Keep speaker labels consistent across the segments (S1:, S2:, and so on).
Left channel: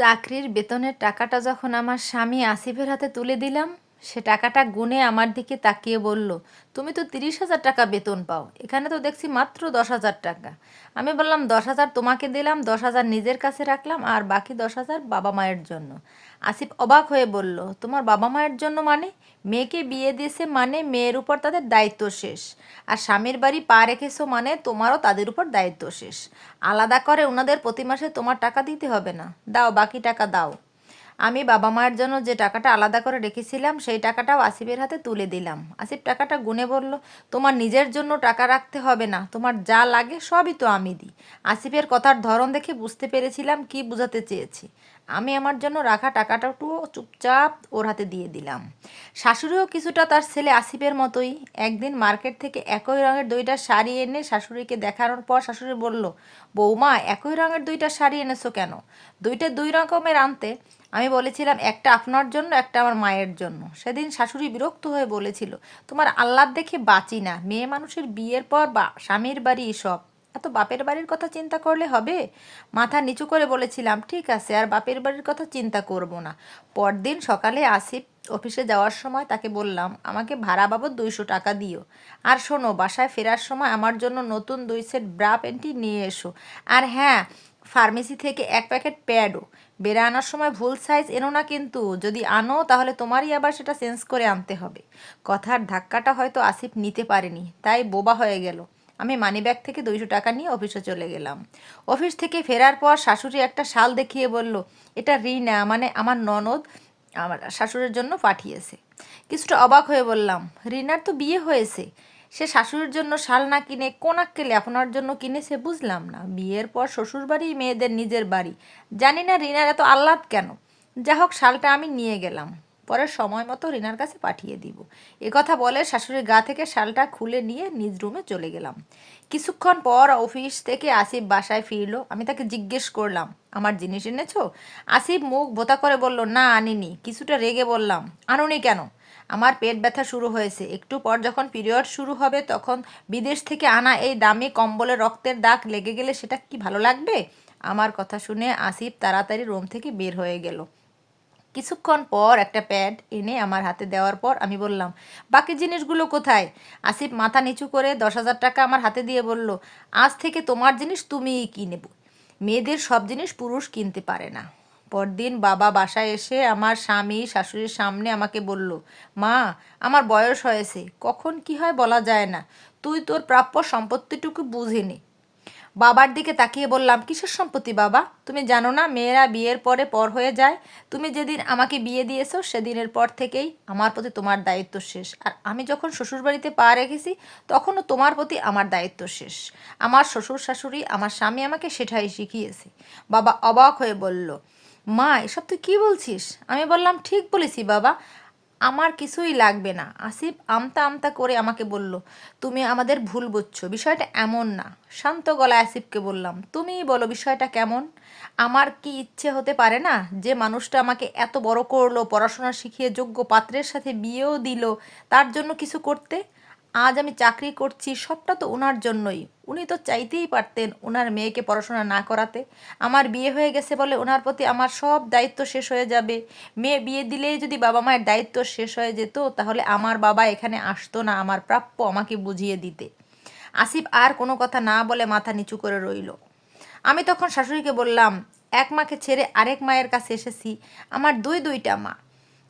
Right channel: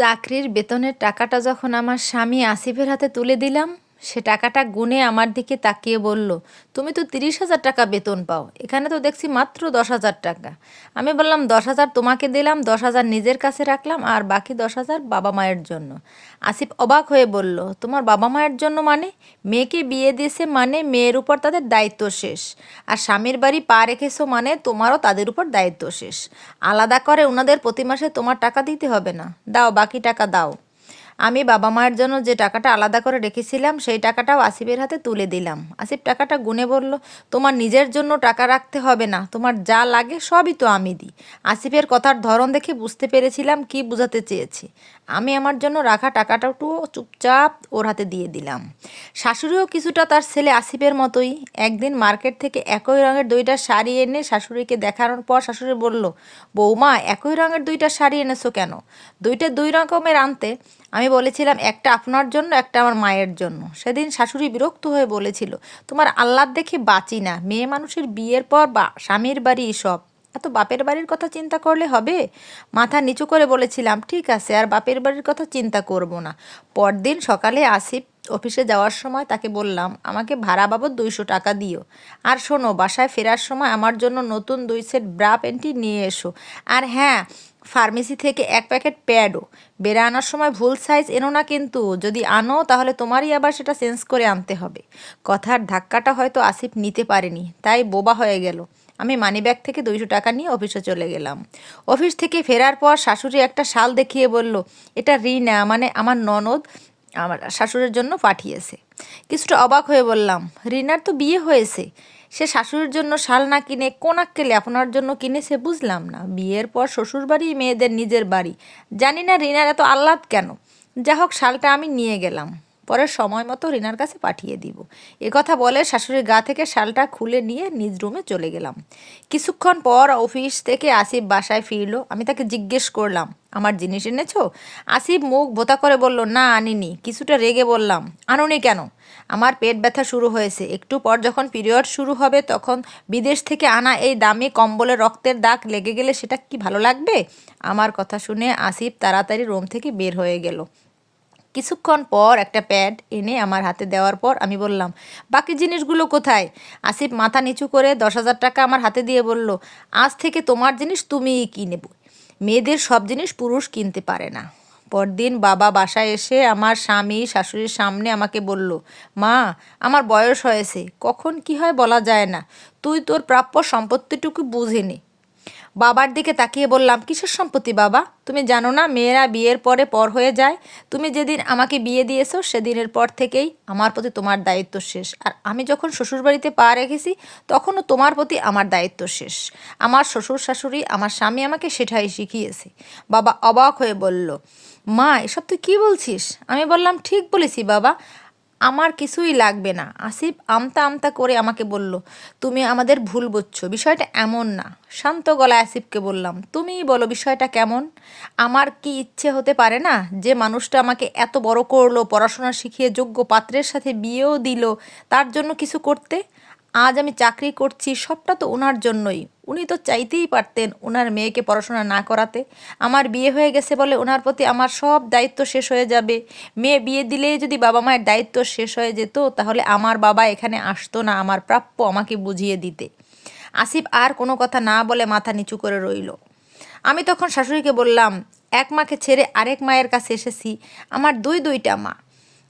S1: চাকরির বেতনের টাকাটা যখন আমার স্বামী আসিফের হাতে তুলে দিলাম সে টাকাটা গুনে আমার দিকে তাকিয়ে বলল, তুমি তো তিরিশ হাজার টাকা বেতন পাও, এখানে তো দেখছি মাত্র দশ হাজার টাকা। আমি বললাম, দশ হাজার তোমাকে দিলাম, দশ হাজার নিজের কাছে রাখলাম, আর বাকি দশ হাজার বাবা মায়ের জন্য। আসিফ অবাক হয়ে বলল, তোমার বাবা মায়ের জন্য মানে? মেয়েকে বিয়ে দিয়েছে মানে মেয়ের উপর তাদের দায়িত্ব শেষ, আর স্বামীর বাড়ি পা রেখেছো মানে তোমারও তাদের উপর দায়িত্ব শেষ। আলাদা করে ওনাদের প্রতি মাসে তোমার টাকা দিতে হবে না। দাও, বাকি টাকা দাও। আমি বাবা মায়ের জন্য যে টাকাটা আলাদা করে রেখেছিলাম, সেই টাকাটাও আসিফের হাতে তুলে দিলাম। আসিফ টাকাটা গুনে বলল, তোমার নিজের জন্য টাকা রাখতে হবে না, তোমার যা লাগে সবই তো আমি দিই। আসিফের কথার ধরন দেখে বুঝতে পেরেছিলাম কি বোঝাতে চেয়েছি। আমি আমার জন্য রাখা টাকাটাও চুপচাপ ওর হাতে দিয়ে দিলাম। শাশুড়িও কিছুটা তার ছেলে আসিফের মতোই। একদিন মার্কেট থেকে একই রঙের দুইটা শাড়ি এনে শাশুড়িকে দেখানোর পর শাশুড়ি বলল, বৌমা, একই রঙের দুইটা শাড়ি এনেছো কেন? দুইটা দুই রকমের আনতে। আমি বলেছিলাম, একটা আপনার জন্য, একটা আমার মায়ের জন্য। সেদিন শাশুড়ি বিরক্ত হয়ে বলেছিল, তোমার আহ্লাদ দেখে বাঁচি না। মেয়ে মানুষের বিয়ের পর বা স্বামীর বাড়ি সব এত বাপের বাড়ির কথা চিন্তা করলে হবে? মাথা নিচু করে বলেছিলাম, ঠিক আছে, আর বাপের বাড়ির কথা চিন্তা করব না। পরদিন সকালে আসিফ অফিসে যাওয়ার সময় তাকে বললাম, আমাকে ভাড়া বাবদ দুইশো টাকা দিও। আর শোনো, বাসায় ফেরার সময় আমার জন্য নতুন দুই সেট ব্রা প্যান্টি নিয়ে এসো। আর হ্যাঁ ফার্মেসি থেকে এক প্যাকেট প্যাডও। বেড়ে আনার সময় ভুল সাইজ এনো না কিন্তু, যদি আনো তাহলে তোমারই আবার সেটা চেঞ্জ করে আনতে হবে। কথার ধাক্কাটা হয়তো আসিফ নিতে পারেনি, তাই বোবা হয়ে গেল। আমি মানিব্যাগ থেকে দুইশো টাকা নিয়ে অফিসে চলে গেলাম। অফিস থেকে ফেরার পর শাশুড়ি একটা শাল দেখিয়ে বলল, এটা রিনা মানে আমার ননদ আমার শাশুড়ির জন্য পাঠিয়েছে। কিছুটা অবাক হয়ে বললাম, রিনার তো বিয়ে হয়েছে, সে শাশুড়ির জন্য শাল না কিনে কোনাক্কেলে আপনার জন্য কিনেছে বুঝলাম না। বিয়ের পর শ্বশুর বাড়ি মেয়েদের নিজের বাড়ি। জানি না রিনার এত আহ্লাদ কেন। যা হোক শালটা আমি নিয়ে গেলাম। পরে সময় মতো রিনার কাছে পাঠিয়ে দিব। কথা বলে শাশুড়ির গা থেকে শালটা খুলে নিয়ে নিজ রুমে চলে গেলাম। কিছুক্ষণ পর অফিস থেকে আসিফ বাসায় ফিরলো। আমি তাকে জিজ্ঞেস করলাম, আমার জিনিস এনেছো? আসিফ মুখ ভোতা করে বলল, না, আনিনি। কিছুটা রেগে বললাম, আনুনি কেন? আমার পেট ব্যথা শুরু হয়েছে। একটু পর যখন পিরিয়ড শুরু হবে, তখন বিদেশ থেকে আনা এই দামি কম্বলে রক্তের দাগ লেগে গেলে সেটা কি ভালো লাগবে? আমার কথা শুনে আসিফ তাড়াতাড়ি রুম থেকে বের হয়ে গেল। কিছুক্ষণ পর একটা প্যাড এনে আমার হাতে দেওয়ার পর আমি বললাম, বাকি জিনিসগুলো কোথায়? আসিফ মাথা নিচু করে দশ হাজার টাকা আমার হাতে দিয়ে বলল, আজ থেকে তোমার জিনিস তুমিই কিনে মেয়েদের সব জিনিস পুরুষ কিনতে পারে না। পরদিন বাবা বাসায় এসে আমার স্বামী, শাশুড়ির সামনে আমাকে বলল, মা, আমার বয়স হয়েছে, কখন কি হয় বলা যায় না। তুই তোর প্রাপ্য সম্পত্তিটুকু বুঝে নে। বাবার দিকে তাকিয়ে বললাম, কিসের সম্পত্তি বাবা? তুমি জানো না, মেয়েরা বিয়ের পরে পর হয়ে যায়। তুমি যেদিন আমাকে বিয়ে দিয়েছ, সেদিনের পর থেকেই আমার প্রতি তোমার দায়িত্ব শেষ। আর আমি যখন শ্বশুরবাড়িতে পা রেখেছি, তখনও তোমার প্রতি আমার দায়িত্ব শেষ। আমার শ্বশুর শাশুড়ি, আমার স্বামী আমাকে সেটাই শিখিয়েছে। বাবা অবাক হয়ে বলল, মা, এসব তুই কী বলছিস? আমি বললাম, ঠিক বলেছি বাবা। আমার কিছুই লাগবে না। আসিফ আমতা আমতা করে আমাকে বলল, তুমি আমাদের ভুল বুঝছ, বিষয়টা এমন না। শান্ত গলায় আসিফকে বললাম, তুমিই বলো বিষয়টা কেমন? আমার কি ইচ্ছে হতে পারে না যে মানুষটা আমাকে এত বড় করল, পড়াশোনা শিখিয়ে যোগ্য পাত্রের সাথে বিয়েও দিল, তার জন্য কিছু করতে? আজ আমি চাকরি করছি, সবটা তো ওনার জন্যই। উনি তো চাইতেই পারতেন ওনার মেয়েকে পড়াশোনা না করাতে। আমার বিয়ে হয়ে গেছে বলে ওনার প্রতি আমার সব দায়িত্ব শেষ হয়ে যাবে। মেয়ে বিয়ে দিলেই যদি বাবা মায়ের দায়িত্ব শেষ হয়ে যেত, তাহলে আমার বাবা এখানে আসতো না, আমার প্রাপ্য আমাকে বুঝিয়ে দিতে। আসিফ আর কোনো কথা না বলে মাথা নিচু করে রইল। আমি তখন শাশুড়িকে বললাম, এক মাকে ছেড়ে আরেক মায়ের কাছে এসেছি। আমার দুই দুইটা মা।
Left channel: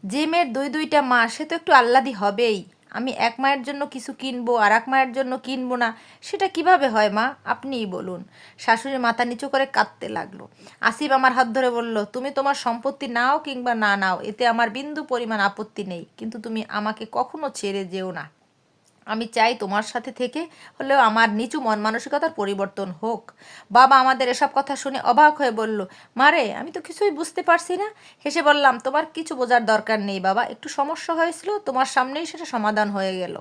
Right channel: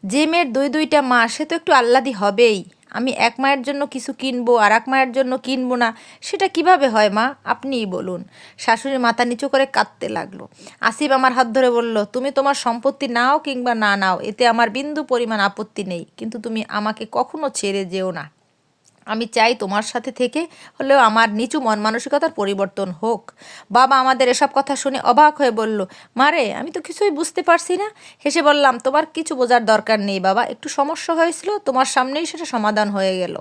S1: যে মেয়ের দুই দুইটা মা, সে তো একটু আহ্লাদি হবেই। আমি এক মায়ের জন্য কিছু কিনবো আর এক মায়ের জন্য কিনবো না, সেটা কীভাবে হয় মা? আপনিই বলুন। শাশুড়ি মাথা নিচু করে কাঁদতে লাগল। আসিফ আমার হাত ধরে বলল, তুমি তোমার সম্পত্তি নাও কিংবা না নাও, এতে আমার বিন্দু পরিমাণ আপত্তি নেই, কিন্তু তুমি আমাকে কখনো ছেড়ে যেও না। আমি চাই তোমার সাথে থেকে হলেও আমার নিচু মন মানসিকতার পরিবর্তন হোক। বাবা আমাদের এসব কথা শুনে অবাক হয়ে বলল মারে আমি তো কিছুই বুঝতে পারছি না। হেসে বললাম, তোমার কিছু বোঝার দরকার নেই বাবা, একটু সমস্যা হয়েছিল, তোমার সামনেই সেটা সমাধান হয়ে গেল।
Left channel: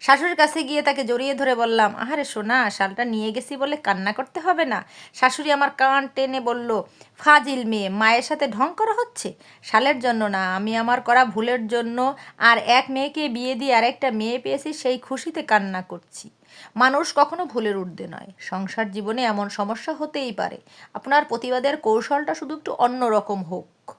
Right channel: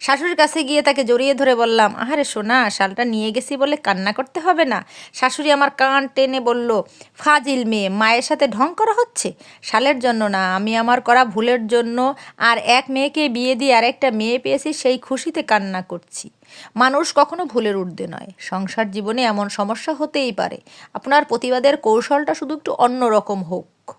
S1: শাশুড়ির কাছে গিয়ে তাকে জড়িয়ে ধরে বললাম, আহারে সোনা, শালটা নিয়ে গেছি বলে কান্না করতে হবে না। শাশুড়ি আমার কান টেনে বলল, ফাজিল মেয়ে, মায়ের সাথে ঢং করা হচ্ছে? শালের জন্য না, আমি আমার করা ভুলের জন্য আর এক মেয়েকে বিয়ে দিয়ে আরেকটা মেয়ে পেয়েছি, সেই খুশিতে কান্না করছি। মানুষ কখনো ভুলের ঊর্ধ্বে নয়। সংসার জীবনে এমন সমস্যা হতেই পারে। আপনার প্রতিবাদের কৌশলটা শুধু একটু অন্যরকম হোক।